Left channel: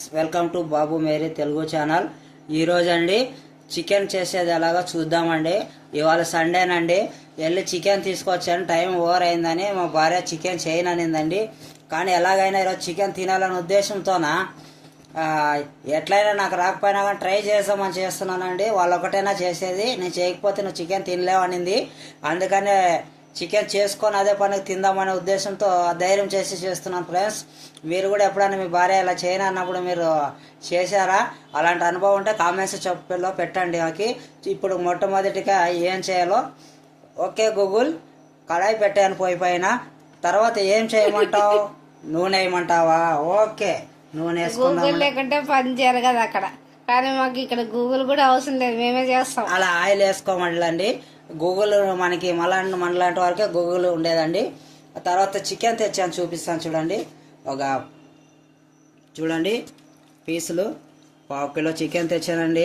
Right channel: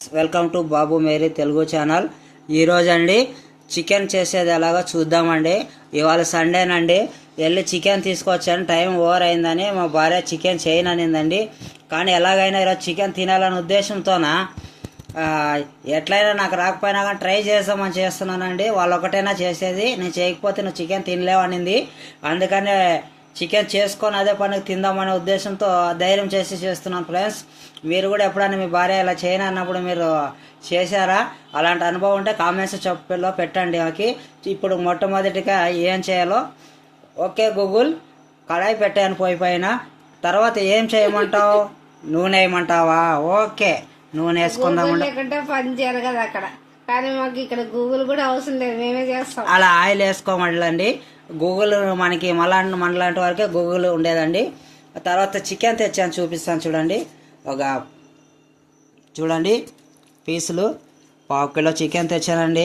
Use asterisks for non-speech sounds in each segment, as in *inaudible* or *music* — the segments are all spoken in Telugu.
Welcome to Babu Meri Telugu channel. ఈరోజు అండి చికెన్ చేసేది ఎలాగో చూద్దామండి. ఇవాళ సండేనండి. వెళ్ళి చికెన్ తీసుకొచ్చాను. టైం ఓవర్ అయిందని మా భార్య చికెన్ చేయననిందండి. కానీ ఎలాగైనా ఈరోజు చికెన్ తినాలనే ఉద్దేశంతోన ఎట్లయినా నాకు రాకపోయినా కానీ ట్రై చేద్దామని చేస్తున్నానండి. వాళ్ళు ఒకటైనా చేసేది. నేను చేయకపోతే నువ్వు చికెన్ తినలేవనింది. అందుకనే చికెన్ చేసుకొని అదే పనికి తిందామనే ఉద్దేశంతో ధైర్యం చేసి చేస్తున్నాను ఫ్రెండ్స్. మీరు కూడా ఎప్పుడైనా మీ భార్య ఇలా చేయను అన్నప్పుడు మీరు చేశారా? అలాంటి అనుభవం ఉంటే కామెంట్స్ చెప్పలో పెట్టండి మాకి ఇప్పుడు మొట్టమొదటిగా ఏం చేయాలో. ఓకే గూగుల్ కడాయి పెట్టాను పోయి పైన. తర్వాత ఏం చేయమంటావు? *laughs* నూనె వేయమంటావా ఓకే నూనె వేసుకుందాం. లేకుంటే పని చేయాలి కదా అక్కడ. కానీ మాకు ఇక్కడ గూగుల్ కూడా అవసరం లేదు. మేమే చేస్తాం. అలా ఆయిల్ వేసుకోమండి గూగుల్ మనకి మలాంటి మనలాంటి వరకే గూగుల్ ఉండేదండి. తర్వాత చికెన్ తెచ్చాను చూపిస్తాను చూడండి. ఒక చూడండి పీసులు. పావు కిలో చికెన్ తెచ్చానండి.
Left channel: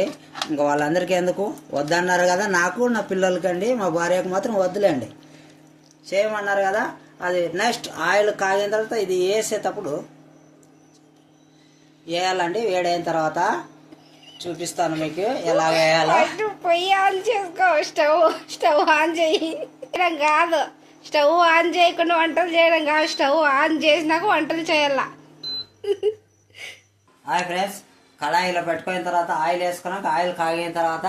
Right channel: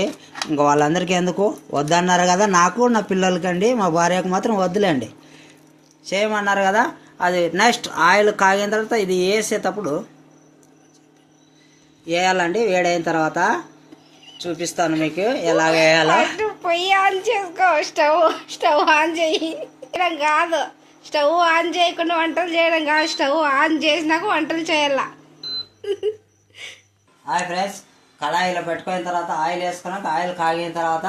ఇంకా వాళ్ళందరికీ ఎందుకు? వద్దన్నారు కదా నాకు నా పిల్లలకండి మా భార్యకు మాత్రం వద్దులేండి. చేయమన్నారు కదా అది నెక్స్ట్ ఆయిల్ కాగిన తర్వాత ఇది వేసేటప్పుడు వేయాలండి. వేడైన తర్వాత చూపిస్తాను మీకు ఎలా వేయాలో. పొయ్యి ఆన్ చేసుకో. స్టవ్ స్టవ్ ఆన్ చేయి. చేయడం కాదు. స్టవ్ ఆన్ చేయకుండా వంటలు చేయడం కాదు. స్టవ్ ఆన్ చేసినాక వంటలు చేయాల. హాయ్ ఫ్రెండ్స్ కళాయిలో పెట్టుకున్న తర్వాత ఆయిల్ వేసుకున్నాక ఆయిల్ కాగిన తర్వాత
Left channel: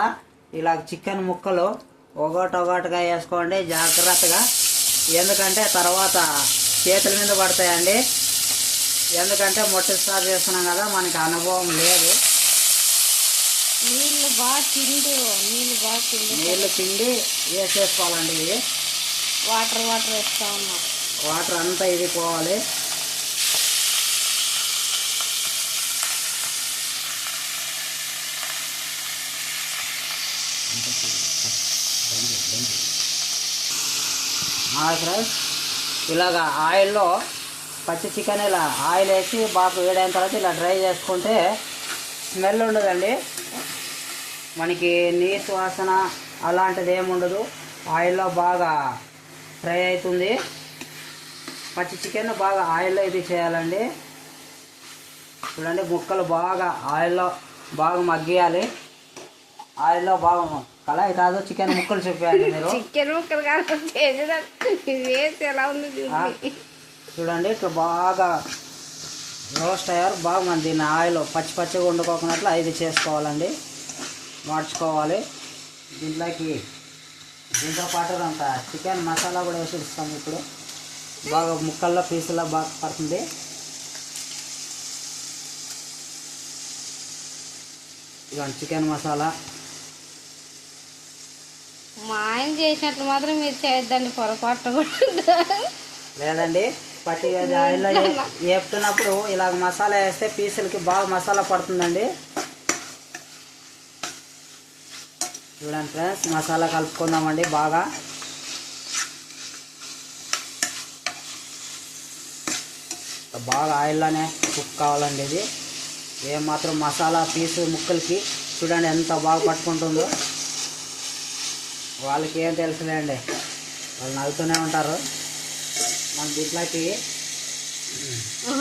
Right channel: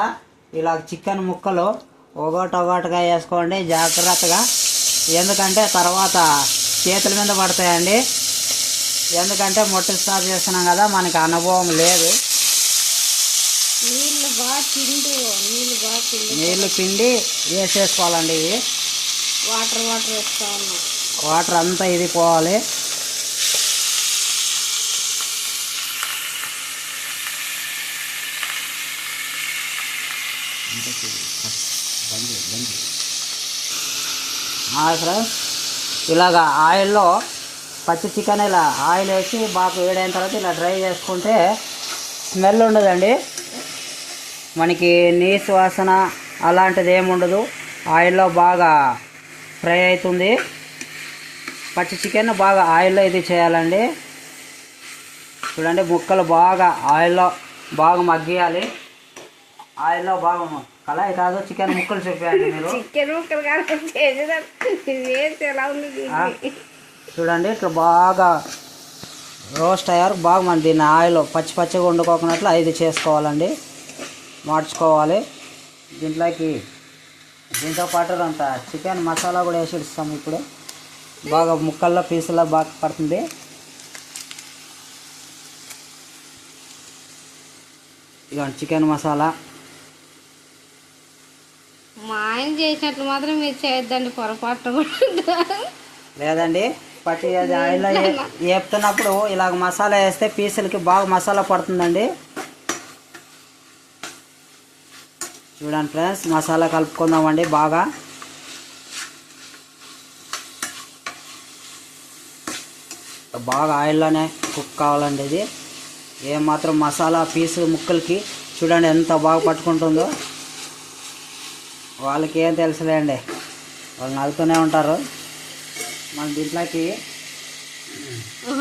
ఇలా చికెన్ ముక్కలు ఒకటి ఒకటిగా వేసుకోండి జాగ్రత్తగా. ఎందుకంటే తర్వాత చేతుల మీద పడతాయండి. ఎందుకంటే మొట్టసారి చేస్తున్నాం కదా మనకి అనుభవం లేదు. నీళ్ళు బాగా చిండు నీళ్ళు బాగా చిండు నీళ్ళు పిండి వేసేసుకోవాలండి ఇవి. వాటర్ వాటర్ వేస్తా ఉన్నాం. వాటర్ అంతా ఇది పోవాలి. ఫ్రెండ్స్. ఇలాగా ఆయిల్లో పచ్చి చికెన్ ఇలా ఆయిల్ వేసి బాగా వేడైన తర్వాత ఇలా డ్రై చేసుకుంటే స్మెల్ ఉండదండి. మనకి నీసు వాసన అలాంటిది ఏమి ఉండదు. ఆయిల్లో బాగా ఫ్రై అవుతుంది. పచ్చి చికెన్ బాగా ఆయిల్లో ఇది చేయాలండి. చూడండి ముక్కలు బాగా ఆయిల్లో బాగా మగ్గియాలి. ఆయిల్లో బాగా కళాయి కాదు చికెన్ ముక్కలు చూపించండి మీరు. చికెన్ ముక్కలు చూడండి. ఇట్లా బాగా రోస్ట్ అయ్యారు. బాగా మన దీన్ని ఆయిల్ పచ్చి పచ్చిగా వండుకోకున్నట్లు ఇది చేసుకోవాలండి. మార్చుకోవాలి. దీంట్లోకి దీంతో పాటు అంత చికెన్ మసాలా కూడా వేసి ఇస్తాం ఇప్పుడు. బాగా ముక్కల్లో పీసుల్లో బాగా పడుతుంది. ఇక చికెన్ మసాలా. మా ఆయన చేసినట్లు మాత్రం మీరు చేయొద్దండి పొరపాటు కూడా లేదండి ఏ- వేపుతున్నప్పుడు ఇలాగ మసాలా వేస్తే పీసులకి బాగా మసాలా పడుతుందండి. చూడండి ఫ్రెండ్స్ మసాలా కలుపుకుందామండి బాగా. బాగా ఆయిల్లోనే కుక్ కావాలండి ఇది. ఏమాత్రం మసాలా పీసు ముక్కలకి చూడండి ఎంత బాగా పట్టుకుంటుందో. వాళ్ళకి ఏం తెలుసులేండి వాళ్ళు నలుతూనే ఉంటారు. మన దీంట్లోకి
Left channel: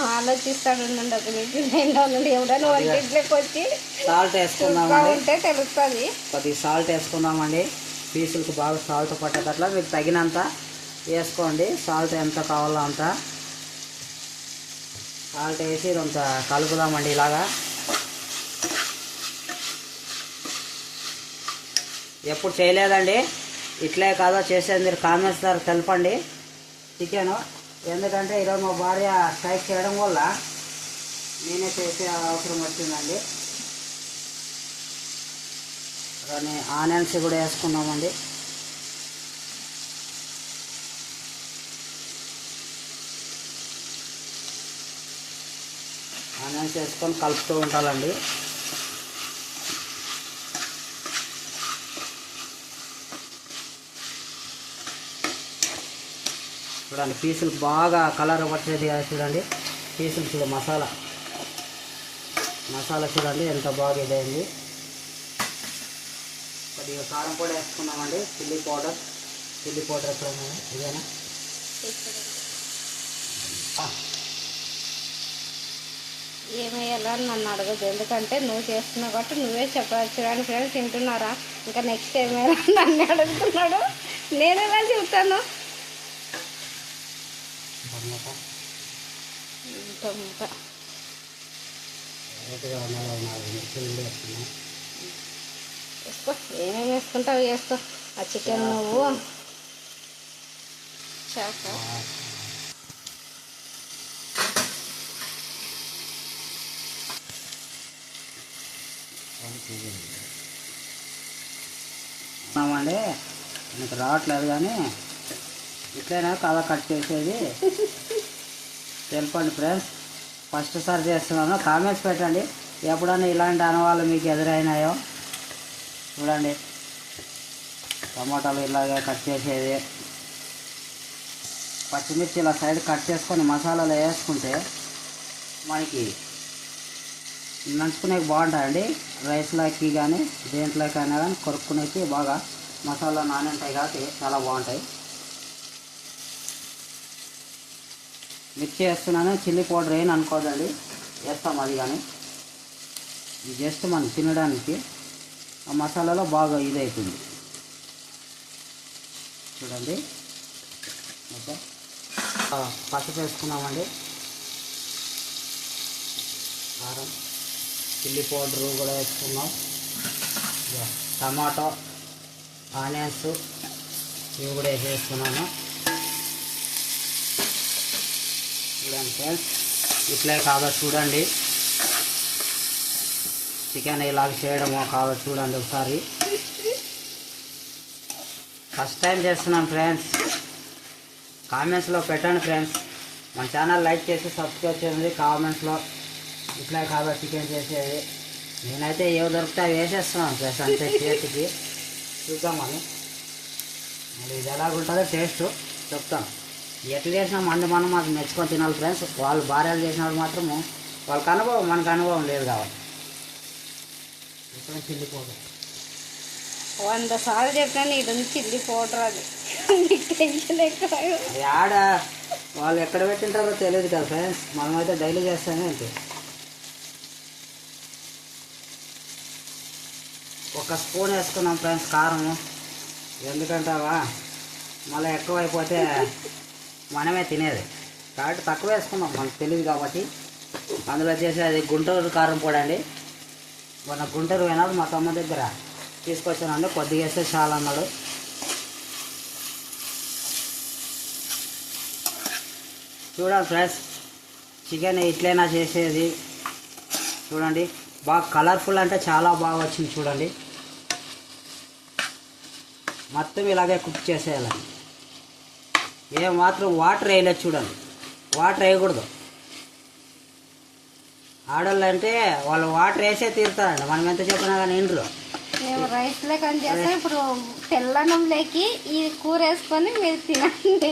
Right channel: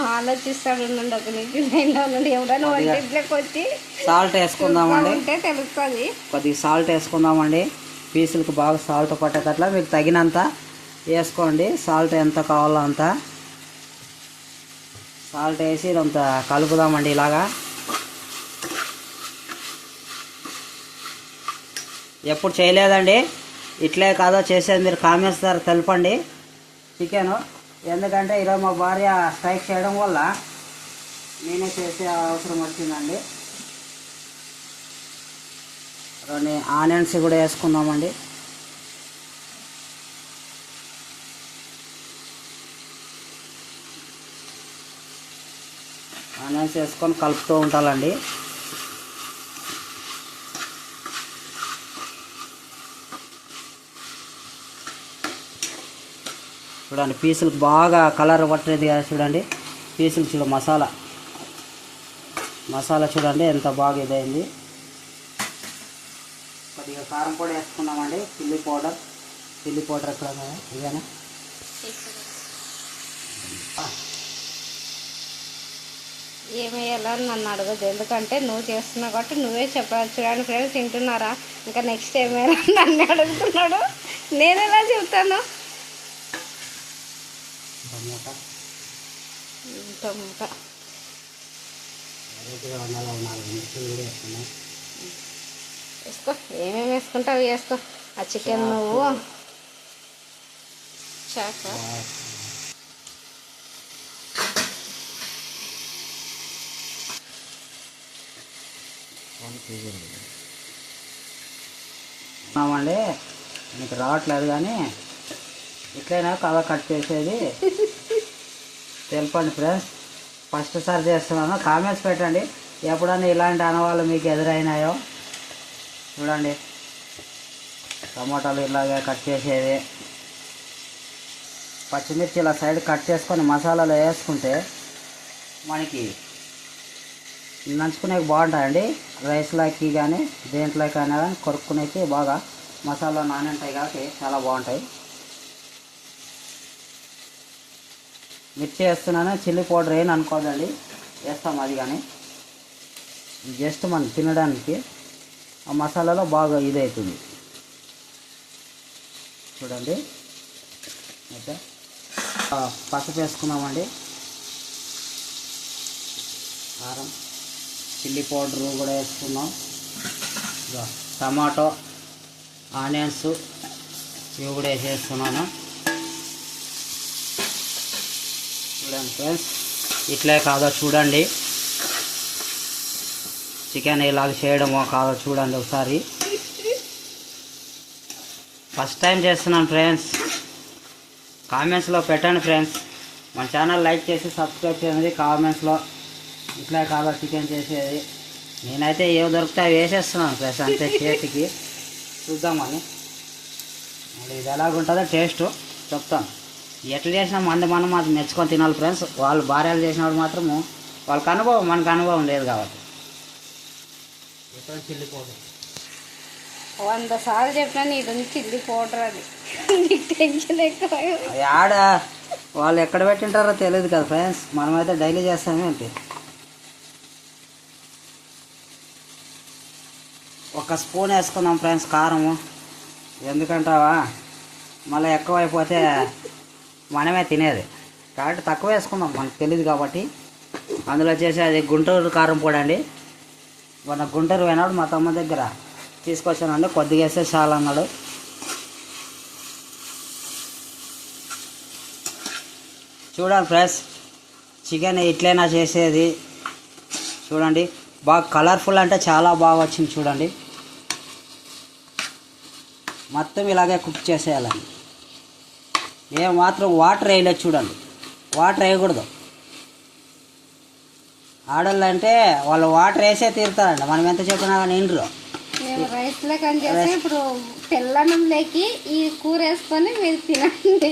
ఆలోచిస్తాడు ఉండండి ఒక నిమిషం ఉండండి ఎవడైనా వంటింట్లోకి వచ్చి సాల్ట్ వేసుకుందామండి. ఉంటే తెలుస్తుంది. కొద్దిగా సాల్ట్ వేసుకుందామండి. పీసులకు బాగా సాల్ట్ పట్టేటట్లా మీకు తగినంత వేసుకోండి. సాల్ట్ ఎంత కావాలో అంత. సాల్ట్ వేసి ఇదంతా కలుపుదామండి ఇలాగా. ఎప్పుడు చేయలేదండి. ఇట్లే కాదో చేసేది. మీరు కామెంట్స్ ద్వారా తెలపండి. చికెన్ ఎందుకంటే ఈరోజు మా భార్య స్ట్రైక్ చేయడం వల్ల నేనే చేసే అవసరం వచ్చిందండి. కొన్ని ఆనియన్స్ కూడా వేసుకుందామండి. ఆనియన్స్ వేసుకొని కలుపుతూ ఉంటాలండి చూడండి పీసులు బాగా కలర్ పట్టేది చూడండి. పీసులు చూడ మసాలా. మసాలా చూడండి ఎంత బాగా ఇదైంది. కొద్దిగా కారం పొడి వేసుకున్నామండి చిల్లీ పౌడర్. చిల్లీ పౌడర్ చూడండి ఇదేనా? నన్ను అడగదు ఎందుకంటే నువ్వు చేస్తున్నావు కాబట్టి నువ్వే చెప్పాలి. చూడండి ఫ్రెండ్స్ తింటున్నారా? ఇంకా నెక్స్ట్ ఏమేయాలని నన్ను అడుగుతున్నాడు. నేను ఎలా చెప్తాను టమోటా వేసుకో ఏమేమి వేసుకుంటావు వేసుకో. ఆ చికెన్ నువ్వు. చాక? మీకు రావట్లేదు కానీ ఇట్లైనా కథ కట్ చేసేది. *laughs* తెలుపండి ఫ్రెండ్స్. ఫస్ట్ సార్ చేస్తున్నాను. కామెంట్స్ పెట్టండి. ఎప్పుడన్నా ఇలాంటి అనవాళ్ళు మీకు ఎదురైనాయో చూడండి. టమాటాలు ఇలాగే కట్ చేసేది. పచ్చిమిర్చి ఇలా సైడ్ కట్ చేసుకొని మసాలాలో వేసుకుంటే మనకి నంచుకునేకి బాగుంటాయండి. రైస్లోకి కానీ దేంట్లోకి అయినా కానీ కొరుక్కునేకి బాగా మసాలా నానంటాయి కాబట్టి చాలా బాగుంటాయి. మిర్చి వేస్తున్నాను చిల్లీ పౌడర్ ఏం అనుకోదండి. వేస్తాం అది కానీ. జస్ట్ మనం తినడానికి ఆ మసాలాలో బాగా ఇది అవుతుంది చూడండి. ఓకే. ఆ, పసుపు వేసుకున్నామండి. కారం చిల్లీ పౌడర్ కూడా వేసుకున్నాం. టమాటో ఆనియన్స్ ఇవి కూడా వేసేసుకున్నాను. చూడండి ఫ్రెండ్స్ ఇట్లే కాదో చూడండి. చికెన్ ఇలాగ చేయడమో కాదో చూడండి ఒకసారి. ఫస్ట్ టైం చేస్తున్నాను ఫ్రెండ్స్ కామెంట్స్లో పెట్టండి ఫ్రెండ్స్ మన ఛానల్ లైక్ చేసి సబ్స్క్రైబ్ చేయండి కామెంట్స్లో ఇట్లా కాదో చికెన్ చేసేది. నేనైతే ఏవి దొరికితే వేసేస్తున్నాను ఫ్రెండ్స్ అంతే చేతికి. చూద్దామని మరి ఇది ఎలాగుంటుందో టేస్ట్ చెప్తాను. ఎట్లా చేసినా మంది మనం మాత్రం మెచ్చుకొని తినాలి ఫ్రెండ్స్ వాళ్ళు భార్యలు చేసినప్పుడు మాత్రము వాళ్ళకి అనుభవం మనకు అనుభవం లేదు కాబట్టి. ఇప్పుడు చిల్లి పౌడర్ వంద సార్లు చెప్పినా ఉంది చిల్లి పౌడర్ అది. టెన్షన్ ఎక్కువ. వాళ్ళు ఎక్కడ పెట్టింటారో తెలియదు కదా ఫ్రెండ్స్ మనమైతే డైలీ చేస్తామే ఏంటి ఒక స్పూన్ వేసుకున్నాం ఫ్రెండ్స్ కారము. ఎందుకంటావా? మళ్ళీ ఎక్కువ అయిపోతే మనమే తినేది. కాబట్టి తక్కువ వేసుకున్నాం. మనకు తెలియదు కాబట్టి. అందులో వచ్చేసి అది గుంటూరు కారం పొడి అండి. మన గుంటూరు పోయినాడు మా తమ్మ దగ్గర తీసుకొచ్చానండి కొద్దిగా వేస్తే చాలు అన్నాడు చూడండి ఫ్రెండ్స్ చికెన్ ఇట్లైనా చేసేది. చూడండి బాగా కలర్ఫుల్ అంటే చాలా బాగా వచ్చింది చూడండి. మొత్తం ఇలాగే కుక్ చేసేయాలండి ఏ మాత్రం వాటర్ వేయలేదు చూడండి. వాటర్ వేయకూడదు ఆడళ్ళు అంటే వాళ్ళు వాటర్ వేసే తీరుతారండి మనం ఎంత చెప్పినా కానీ ఇండ్రు మేము రైస్ లేక చేస్తే? ఇప్పుడు తెల్లన్నం లేకి ఈ కూర వేసుకొని మీరు తినండి.